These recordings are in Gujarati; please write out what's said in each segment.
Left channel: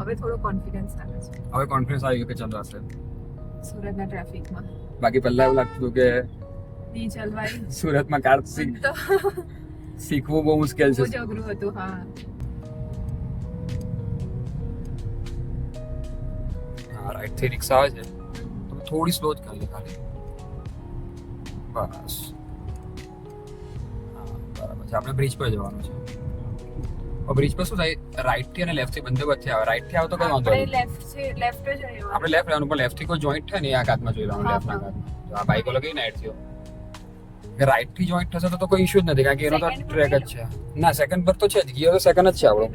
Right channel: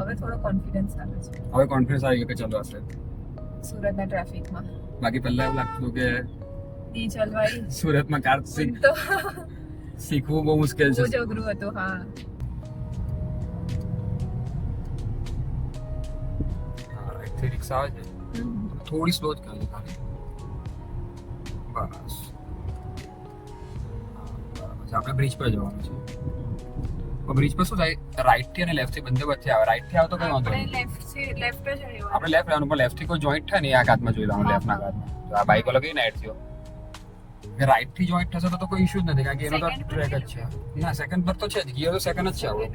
હવે થોડો કોન્ફિડન્સ આવે છે હવે કોન્ફિડન્સ આવી ગયો કે ચાલો હશે. સુરતના ટ્રાફિકમાં બાકી પહેલા એવું લાગતું હતું કે નહીં ચલવાય સુરતમાં કાર તો શીખવું બહુ મુશ્કેલ બહુ છે. જ અઘરું હતું હા રાઈટ થી રિક્ષા આવે છે થોડી સ્લો જ કરી ખાલી બસ. બરાબર છે આપણે બ્રિજ પર જવાનું છે. બ્રિજ પર શું થાય રાઈટ થી અને લેફ્ટ થી બંને વચ્ચે આવે. રાઈટ થી આવે તો કઈ વાંધો આપણે નહીં. લેફ્ટ છે લેફ્ટ જ રહ્યો આપણે લેફ્ટ લેવાનું પણ લેફ્ટ થી કોઈ જોઈન્ટ થાય ને આ હાથમાં જોઈ લેવાનું લેફ્ટ ના હાથમાં. આ બાઈક વાળો કઈ નાઈટ થયો રાઈટ થી જોઈન્ટ થશે તો કોઈ ઇશ્યુ જ નથી કારણ કે એનો તો ટ્રેક જ છે. ના સેકન્ડ પર તો છે જ ગિયર તો સેકન્ડ જ છે આપણો.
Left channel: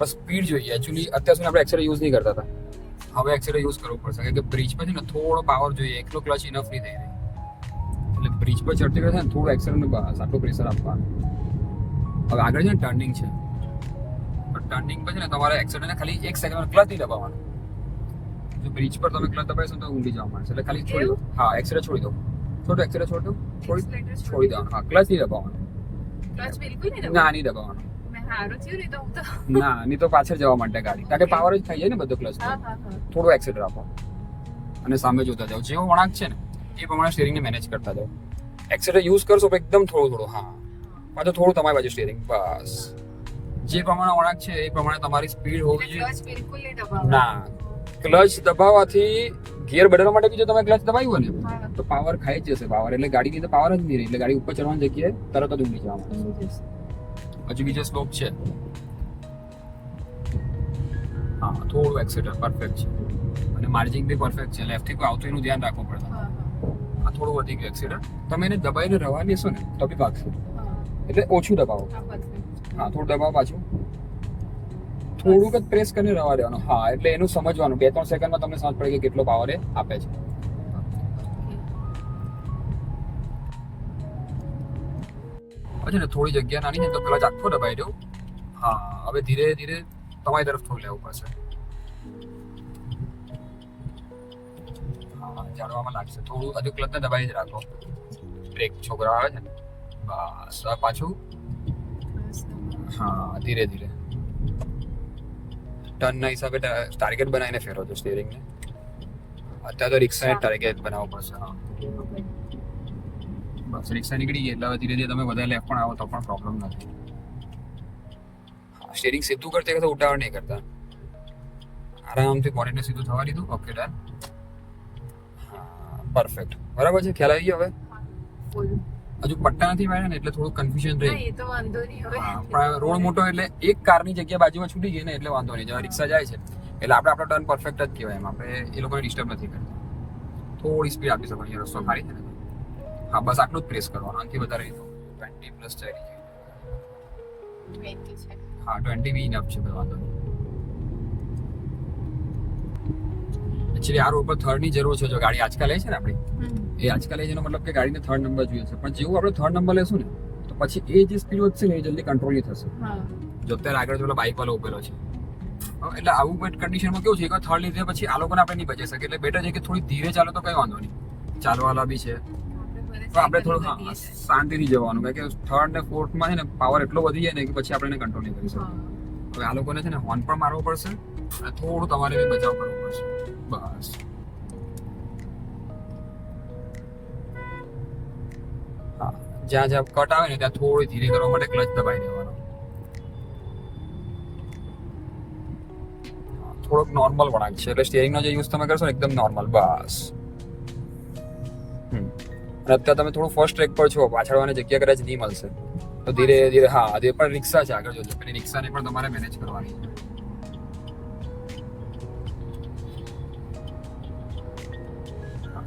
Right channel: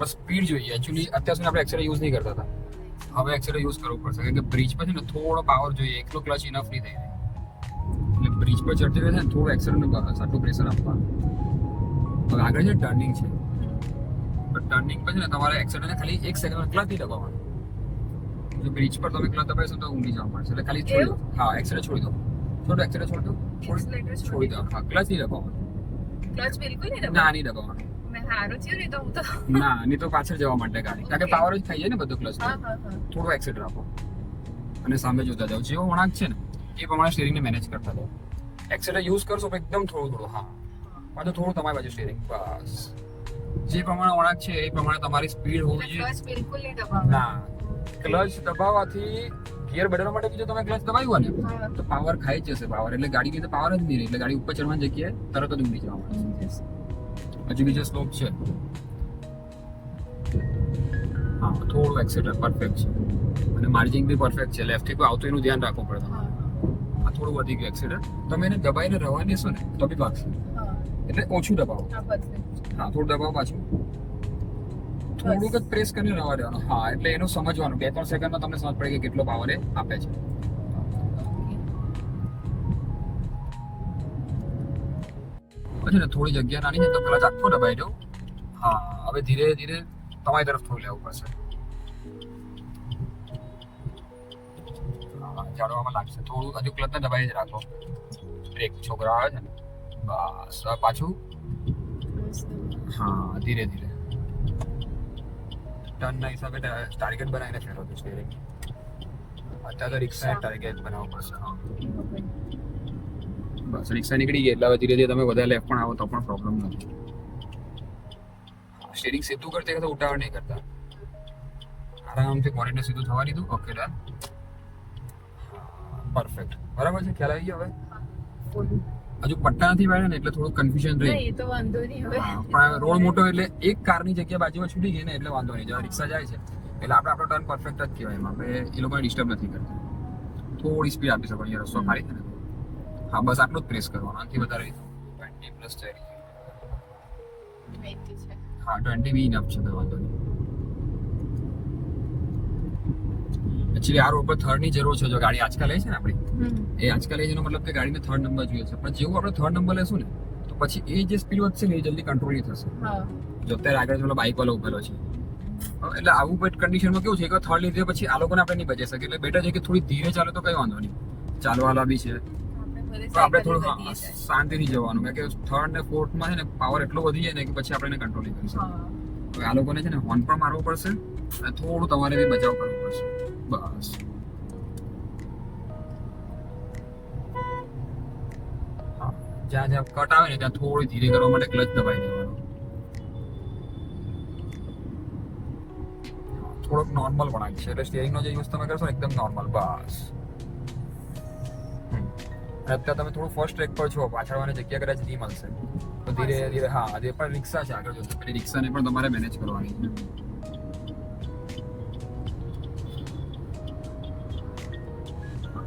બસ સ્પીડ જોઈએ એકચ્યુઅલી અત્યાર સુધી આપણે એક્સેલર યુઝ નહીં કરતા હતા. હવે એક્સેલર યુઝ કરવું પડશે કારણ કે બ્રિજ પર છે ને થોડો પાવર જોઈએ એકલો ક્લચ ઇનફ નહીં થાય એટલે બ્રિજ પર ચડતી વખતે ને થોડું એક્સેલર નું આટલું પ્રેશર આપવાનું. હવે આગળ છે ને ટર્નિંગ છે ટર્નિંગ પર છે ને તમારે એક્સેલર ને ખાલી 1 સેકન્ડ ક્લચ નહીં દબાવવાનું. જો બ્રિજ પર તમે ક્લચ દબાવશો તો ઊંડી જવા મળશે એટલે ખાલી છોડી દો. હા એક્સેલર છોડી દો થોડું એક્સેલર છોડી દો છોડી દેવાનું. હા ક્લચ નહીં દબાવવાનું. ક્લચ બિલકુલ નહીં ના નહીં દબાવવાનું. મેં હારું થયું નહીં તો હું તો ના નહીં તો પાછળ જવા માટે ગાડી કારણ કે પાવર જ થઈ જાય ને બધો ક્લચ હા હા હા થોડું એક્સેલર આપો અને સામે જોતા જાઓ જેવો વળાંક છે ને એ પ્રમાણે સ્ટીરિંગને મેનેજ કરતા જાઓ. એક્સેલર યુઝ કરશો તો એકદમ થોડું હા તો થોડું તમારી બાજુ સ્ટીરિંગ બસ જે પ્રમાણે વળાંક છે એ પ્રમાણે તમારી સ્પીડ હોવી જોઈએ. ક્લચ બિલકુલ નહીં દબાવવાનું ના ક્લચ દબાવવાથી ગિયર બદલવા માટે બી જો તમે ક્લચ દબાવ્યું ને હા તો પાવર ખાઈ જ જશે પાવર એટલે ગાડી ની પાવર જ નહીં રહે એટલે ગાડી ઉપર ચડવાની જગ્યાએ તરત જ ઊંડી જવા માંડે. હજુ બીજો સ્લોપ છે હા થોડું એક્સેટર પરફેક્ટ છે અને માર્જિંગ બી પરફેક્ટ છે. લેફ્ટ થી કોઈ આવતું એનું ધ્યાન રાખવું પડે તમારે. આ થોડું વધી ગયું એક્સેટર તમે એને દબાઈને રવા લેશો ને તો બી ભાગશે એટલે ઓછું દબાવો. હા થોડું દબાવો પાછું થોડુંક જ પ્રેસ કરીને રવા દેવાનું. હા એટલે એનું સમજવાનું 2-3 સેકન્ડમાં તમને સમજ પડે કે કેટલો પાવર એ આપે છે. પછી ને થોડી જગ્યા નાની છે તો ક્લચ આખો દબાઈ દો. હા હવે ધીરે ધીરે તમારી તરફ થોડું લેવું પડશે. હા જાડવામાં લાગશે થોડું હજુ ક્લચને દબાઈ જ રાખો. બ્રેક છોકરા આવે છે ને બસ હવે પાછું હા ધીરે ધીરે ટર્નના હિસાબે ટાર્ગેટ બનાવીને ફેરવજો સ્ટીરિંગને. અત્યારે તો રિક્ષાને ટાર્ગેટ બનાવવો પડશે. હા બસ રિક્ષા નીકળી ગઈ એટલે હવે ધીરે ધીરે તમે વધારે લેફ્ટ પણ આવો તો પણ પ્રોબ્લેમ નથી. સ્ટીરિંગ સીધું કરતી વખતે ઉતાવળ નહીં કરતા આરામથી બોડીને સીધું થવા દીધું. ઓકે ડન પરફેક્ટ બરાબર છે ખ્યાલ આવી ગયો. હવે હજુ પટ્ટા નથી વાળ્યા ને એટલે થોડું કન્ફ્યુઝન રહે. એ તો વાંધો નહીં હવે પણ રોડ મોટો એટલે એક કારની જગ્યા બાજુમાં છૂટી ગઈ ને એટલે વાંધો નહીં. જ્યારે રિક્ષા જાય છે એટલે આપણે આપણો ટર્ન પરફેક્ટ જ કહેવાય એમ આપણે એ લોકોને ડિસ્ટર્બ નથી કરતા. થોડી સ્પીડ આપી શકો છો રસ્તો ખાલી છે ને હા બસ આટલું જ પ્રેસ કરવાનું આનાથી વધારે 20+ જાય. હા 20 બી ઇનફ છે વાંધો નહીં. એકચ્યુઅલી આ રોડ પર થર્ડ ની જરૂર છે જો ગાડી આજકાલ લે છે ને આપણી એ આજકાલ એનો મતલબ કે ગાડીને થર્ડ નંબર જોઈએ છે પણ જેવું આપણે થર્ડ નંબર લેશું ને તો પછી એ જે સ્પીડ વધશે ને એ જલ્દી કંટ્રોલ નહીં થશે. જો અત્યારે આગળ પેલો બાઇક વાળો ઉભેલો છે એટલે આવું બેટ કન્ડિશનમાં કેવું છે એક થર્ડ લીધે પછી આ લોકોને આપણે નહીં બચી શકે એટલે બેટર છે કે થોડી ધીરે ચાલો તો કઈ વાંધો નહીં. ચાલવાલા બી છે તો આપણે થોડું શાંતિથી જવાનું કારણ કે થર્ડ ને ફોર્થમાં છે ને પાવર એટલો વધી જાય ને કે પછી આપણે એને કંટ્રોલ નહીં કરી શકીએ. તો આ લોકોને છે ને હોર્ન પણ મારવો પડશે અને થોડું તમારે બી બચાવ કરવો પડશે. બસ હા જ્યાં જ્યાં કટ આવે ને ત્યાં થોડી ધીરે કરવા માટે ક્લચ દબાઈ દેવાનો. થોડોક નોર્મલ વળાંક છે એટલે સ્ટીયરિંગનો જે યુઝ તમે કરશો ને એકદમ નોર્મલ બસ. અત્યારે તમે થોડું ફર્સ્ટ ટ્રેક પર છો પાછળવાની જગ્યા કદાચ નહીં મળશે તો ધીરે ધીરે હા આજે પણ રિક્ષા છે આગળ જોજો પેલી રિક્ષાને પણ તમારે મેનેજ કરવાની છે.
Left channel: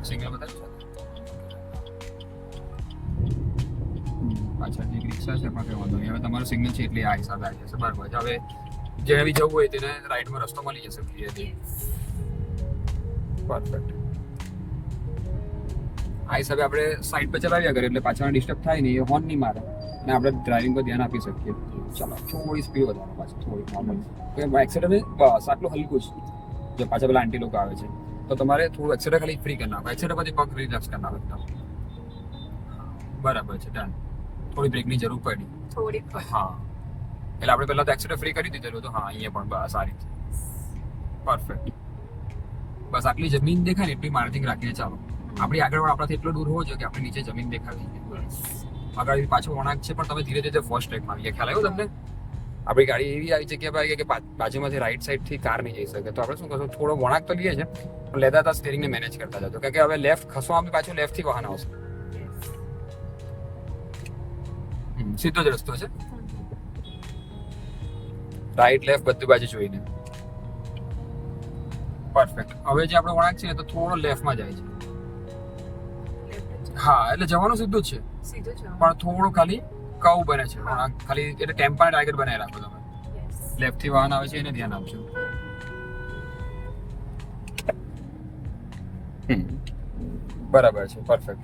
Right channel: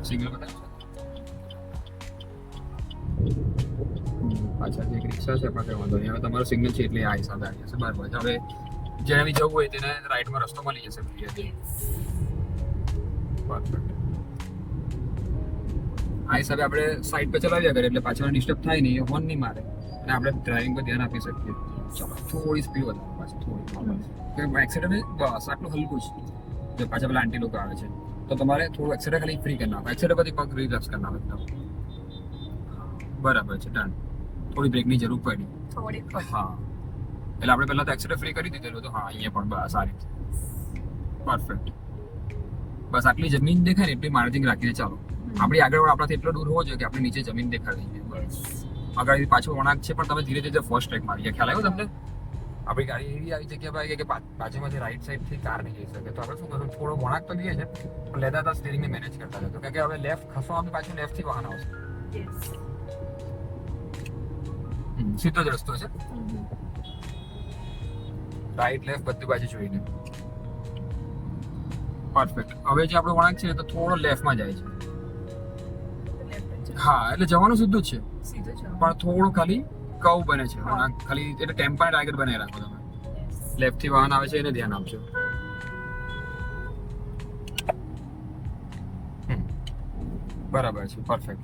સિગ્નલ બતાવજો. અચ્છા એક રિક્ષા છે આપણે વાંધો નહીં. હવે તમારું સિગ્નલ છે એટલે આ હિસાબે આવી જશે બરાબર. હવે જેને બી જવું હોય તેને રાઈટમાં રસ્તો મળી જશે ધીરે ધીરે. પરફેક્ટ આ હિસાબે આપણે સાઈડ પર ચલાવ્યા કરીએ એટલે પાછળ ડિસ્ટર્બ થાય નહીં એ હોર્ન નહીં મારે અને આપણે ડ્રાઇવિંગ પર ધ્યાન આપી શકીએ. ચાલો થોડી સ્પીડ વધારો પાછું થોડી નોર્મલ એક્સિડન્ટ બસ આટલું હલકું છે. જો પાછા પેલા આંટી લોકો આવે છે તો તમારે થોડું એક્સિડન્ટ ખાલી ફ્રી કરી નાખો. એક્સિડન્ટ પછી પગ રિલેક્સ કરી નાખો એકદમ બરાબર છે ડન. થોડી બ્રેકની જરૂર પડી થોડી હા એટલે આપણે પહેલા તો એક્સિડન્ટ ફ્રી કરી દીધેલું તો હા અહીંયા પણ બસ આ રીતે પરફેક્ટ. બસ આટલી જમીન દેખાય ને એટલી માર્જિંગ રાખીને ચાલો. આપણી આગળ આપણાથી એટલો દૂર હોવો જોઈએ કે આપણે નીચે જમીન દેખાવી જોઈએ. આગળ પાછો વળાંક છે પણ તમે ધીરે ધીરે ફર્સ્ટ ટ્રેક મારી ખ્યાલ આવ્યો તમને? આપણી ગાડી એવી આવી જગ્યા પર આવી કે બાજુમાંથી રાઈટ સાઈડ થી કાર નહીં જઈ શકે, તો આપણે શું કરશું, થોડો વળાંક તો લઈએ છે પણ લેતા હતા સ્ટીરિંગ ને મેનેજ કરતા જતો, કારણ કે હવે લેફ્ટ ખસો આમ પાછું લેફ્ટ થી વાહન આવશે. સીધો જ રસ્તો છે, રાઈટ લેફ્ટ બધી બાજુ જોઈને. પરફેક્ટ. હવે જે આપણો વળાંક છે ને તો થોડો લેફ્ટમાં જાય છે. હા એટલે જવાનું સીધું જ છે સીધું છે પણ થોડું ખાલી કર્વ બને છે વળાંક, ખાલી એટલે ટેમ્પાર્ડ આગળ બનાવી રાખો તમે. લેફ્ટ થી વાહન આવે છે એને ધ્યાન આપજો. બરાબર છે, પરફેક્ટ.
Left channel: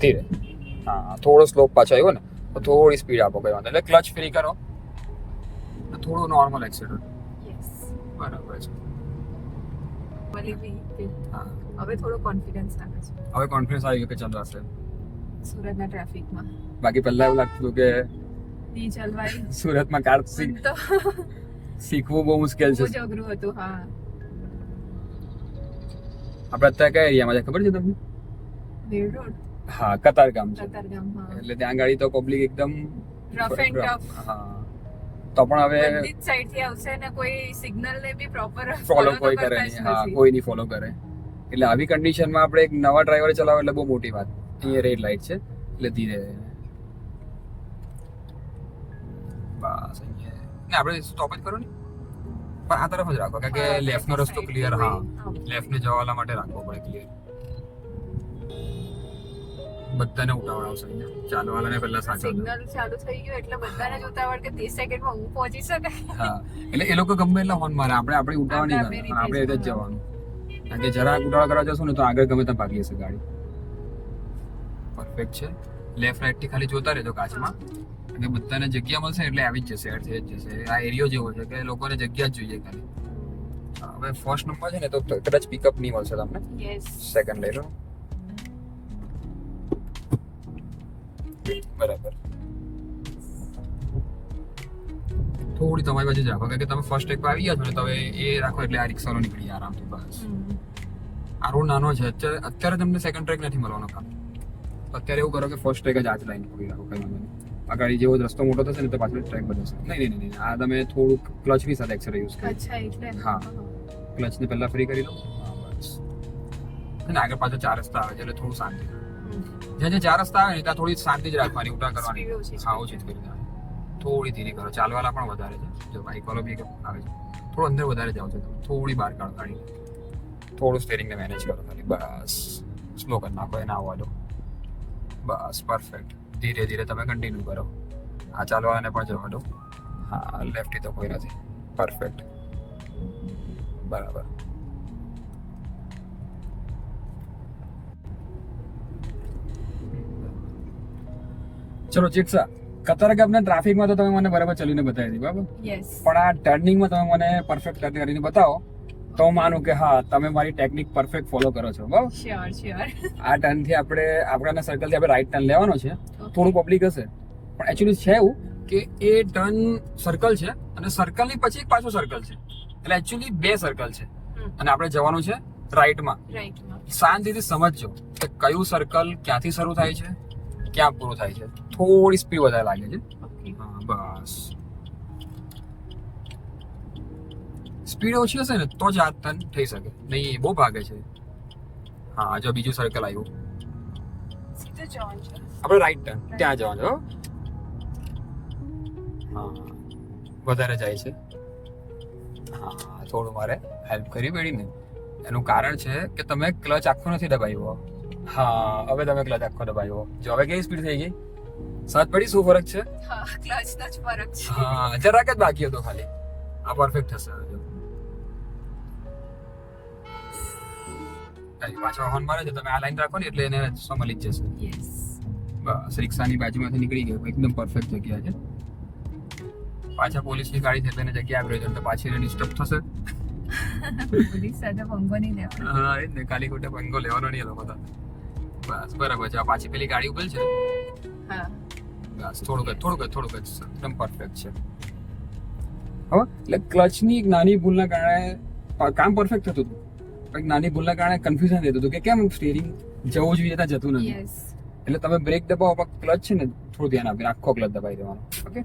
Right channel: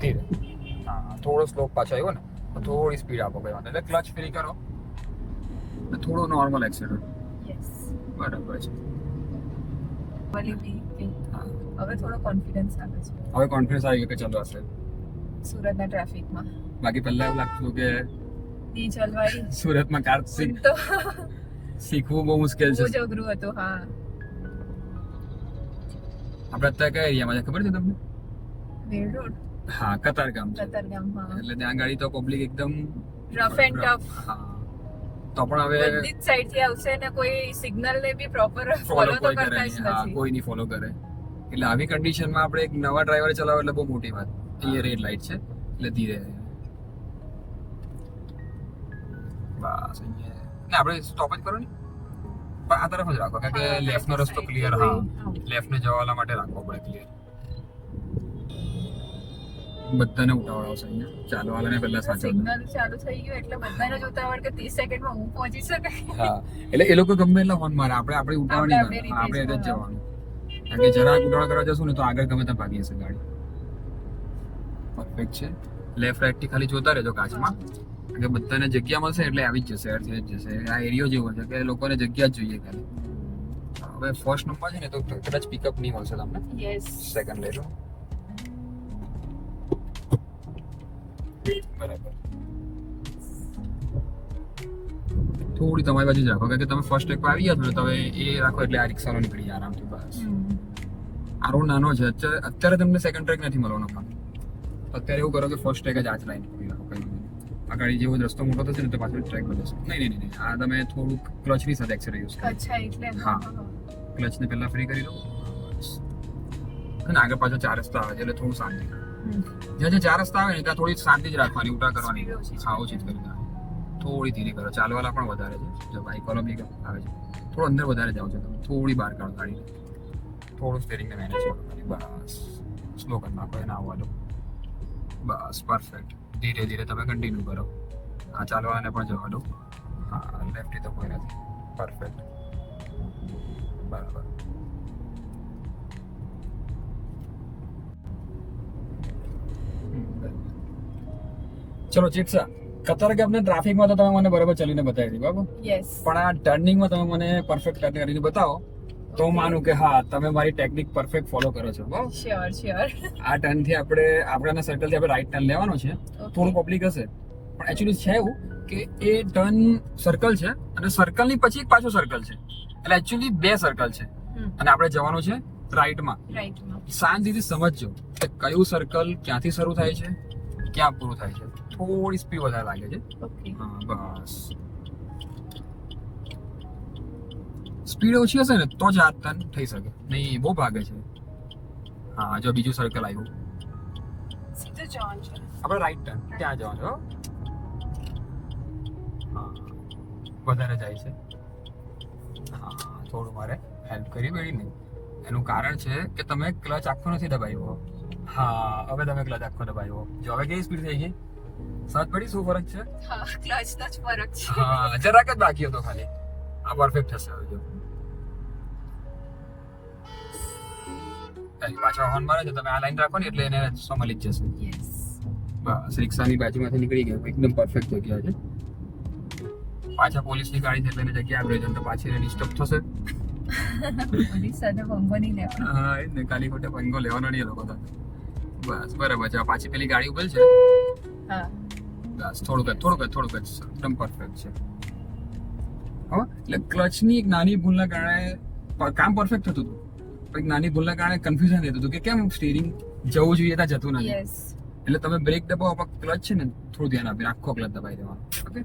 ધીરે. હા થોડો સ્લોપ પાછો આવ્યો ને તો થોડી સ્પીડ આપો, કઈ વાંધો એટલે ક્લચ ફ્રી કરો ને થોડું નોર્મલ એક્સિડન્ટ. યસ બરાબર છે. મળી બી કે હા હવે થોડો કોન્ફિડન્સ આવે છે હવે કોન્ફિડન્સ આવી ગયો કે ચાલો હશે. સુરતના ટ્રાફિકમાં. બાકી પહેલા એવું લાગતું હતું કે નહીં ચલવાય સુરતમાં કાર તો શીખવું બહુ મુશ્કેલ છે. બહુ જ અઘરું હતું. હા આપણે અત્યારે કયા એરિયામાં છે ખબર છે તમને? વેડ રોડ હા કતારગામ છે. કતારગામમાં એટલે ત્યાં ગાડી તો પબ્લિક એકદમ રફ એન્ડ ટફ. હા તો પણ હવે બધી જ સાઈડ થી આવશે ને કોઈ સિગ્નલ ને બી પ્રોપર ફોલો કોઈ કરે નહીં. હા કોઈ નહીં ફોલો કરે. એટલે આવી કન્ડિશનમાં આપણે એક નવા ડ્રાઈવર ચલાવે એટલે બહુ મોટી વાત. અહીંયા રેડ લાઈટ છે એટલે ધીરે બસ અહીંયા ને આપણે સ્ટોપ જ કરો ને પણ આ તરફ જ રાખો કારણ કે લેફ્ટ નો રસ્તો ક્લિયર. હા લેફ્ટ ને જવાના માટે રાખવો પડે ક્લિયર. બધાને ઉતાવળાવશે અહીંયા ચાલવાલાને પહેલા સાચવજો. સિગ્નલ ચાલુ થઈ ગયું એટલે બધાને જ ઉતાવળ કે 30 સેકન્ડમાં હું પહોંચી શકે. હા એટલે એ લોકો ગમે એટલા હોર્ન મારે આપણે ઉતાવળ નહીં આપણે કરવાની. આપણે એ જ જવાનું. કારણ કે જરાક ઉતાવળ કરવા જશું ને તો આગળ ગમે ત્યાં ભાગી જશે ગાડી. પરફેક્ટ છે. લેફ્ટ રાઈટ થી ખાલી જોતા રહેજો કાચમાં, કારણ કે બધાને જગ્યા મળશે એટલે આવી જ જશે, અર્થ એ જ જશે. આ એરિયો જેવો છે કે લોકોને જગ્યા જ જોઈએ ખાલી. હવે ફર્સ્ટ નંબર છે ને તો કદાચ પિકઅપ નહીં મળશે તમને. યસ સેકન્ડ લઈ લો. બરાબર. થોડી તમારી બાજુ જ રાખો કારણ કે તમે ફર્સ્ટ ટ્રેક પર આવી ગયા છો ને તો હવે એ રાખો એટલે આ રિક્ષાનો નીકળી જાય આરામથી. બસ આ રોડ નાનો છે, અત્યારે તમને સેકન્ડ ટ્રેક નથી મળવાનો કામ. અત્યારે એવું કરો કે ફર્સ્ટ ટ્રેક જ આ જ લાઈન પકડી રાખો. કઈ આ ગાડી જેવો જ રસ્તો મોટો થશે ને તો પાછળ ટ્રેક બદલશે. નહીં આ તમે થોડુંક ક્લચની સાથે એક્સરે યુઝ કરો. અચ્છા એટલે હા ક્લચને પહેલા ફ્રી કરી લો અને આગળ પાછળ 4 રસ્તા આવે છે એટલે થોડું શાંતિ. જ્યાં 4 રસ્તા આવે ને ત્યાં થોડી શાંતિ જ રાખવાની, ઉટા કરવાની. હા ઓછી જ કરી દેવાની. થોડી ધીરે કરો. ચાલવાલા પણ વધારે છે, જો બાઈક વાળો બી આવે છે થોડું અંદર વધારે જાવ છો તમે, થોડી બહાર કાઢો ગાડી, થોડું સ્ટીરિંગને મેનેજ કરો ખાલી. બસ સ્લો કરી નાખો એને આવવા દો. બસ પરફેક્ટ. ધીરે ધીરે તમે કન્ટિન્યુ કરો. આ ચાલવાને પણ જવા દો. હા લેફ્ટથી તો કોઈ નથી. પરફેક્ટ બરાબર. ચલો ચિત્સા કતારગામના ટ્રાફિકમાં તો તમે મને બરાબર ચલીને બતાવી દીધી બરાબર, યસ પણ આ ટર્નિંગમાં તમે મને પરફેક્ટ ટર્ન કરીને બતાવો તો હું માનું કે હા તમે મારી ટેકનિક પરફેક્ટ ફોલો કરો છો. બરાબર શ્યોર. આ ટર્નથી આપણા સર્કલથી આપણે રાઈટ ટર્ન લેવાનો છે. થોડું પબ્લિક હશે પણ એકચ્યુઅલી છે એવું કે એ ટર્ન સર્કલ છે અને સર્કલની પછી એક પાછો સર્કલ છે, એટલે એકચ્યુઅલી 2 સર્કલ છે અને આપણે જવાનું છે રાઈટમાં. શાંતિથી સમજજો કે કયું સર્કલ ક્યાંથી શરૂ થાય છે ક્યાં પૂરું થાય છે. થોડી સ્પીડ વધારે લાગે છે. બસ સ્પીડ ઓછી હશે ને તો જ આ ટર્ન થઈ શકે, નહીં બહુ ભાગે છે. હા જો બીજું સર્કલ આવ્યું સીધું જવાનું છે આપણે રાઈટ ટર્ન ત્યાં જવાનું. હા વધારે જાય છે. હા થોડું મારે હેલ્પ કરવી પડી ને. એનું કારણ છે કે તમે ક્લચ આખો નથી દબાવ્યો. હા હવે તમે ક્લચ આખો દબાવ્યો. જો હવે કેવી સ્પીડ થઈ ગઈ? સાત પડી. શું ફરક છે? હા ક્લચ નો જ ફરક છે. હા જરાક જ બાકી હતો ખાલી. આ પરફેક્ટ થશે હવે જો. પાછા હોર્ન મારે છે તમે આ લાઈન રાખો ને એટલે એને સમલી જ જશે. યસ બસ રિક્ષાની બાજુમાંથી નીકળી ગયો, એકદમ પરફેક્ટ જગ્યા છે. પાછા પોલીસની ગાડી છે એને જગ્યા આપી તો પાછી એને ડિસ્ટર્બ થશે. પોલીસ સાથે પંગો નહીં લેવાનો. હા એ જ ને, ખાલી ખોટે પંગો લેવાનો નહીં એ લોકો તો. બસ બરાબર છે. આ પાછી પેલી ગાડી ઉભેલ છે હા બસ થોડુંક એકદમ પરફેક્ટ છે. હવે એટલે ક્લચની એક નાની ભૂલના કારણે કામ પરફેક્ટ થતું હતું, પણ એક નાની ભૂલના કારણે કન્ફ્યુઝન થતું હતું કે કેમ સ્ટીરિંગ જવું જોઈએ ત્યાં જતું નથી. યસ એટલે તમે બ્રેક દબાવો પણ ક્લચ છે ને થોડું ધ્યાન આપીને આખો ક્લચ દબાવી દેવાનો. ઓકે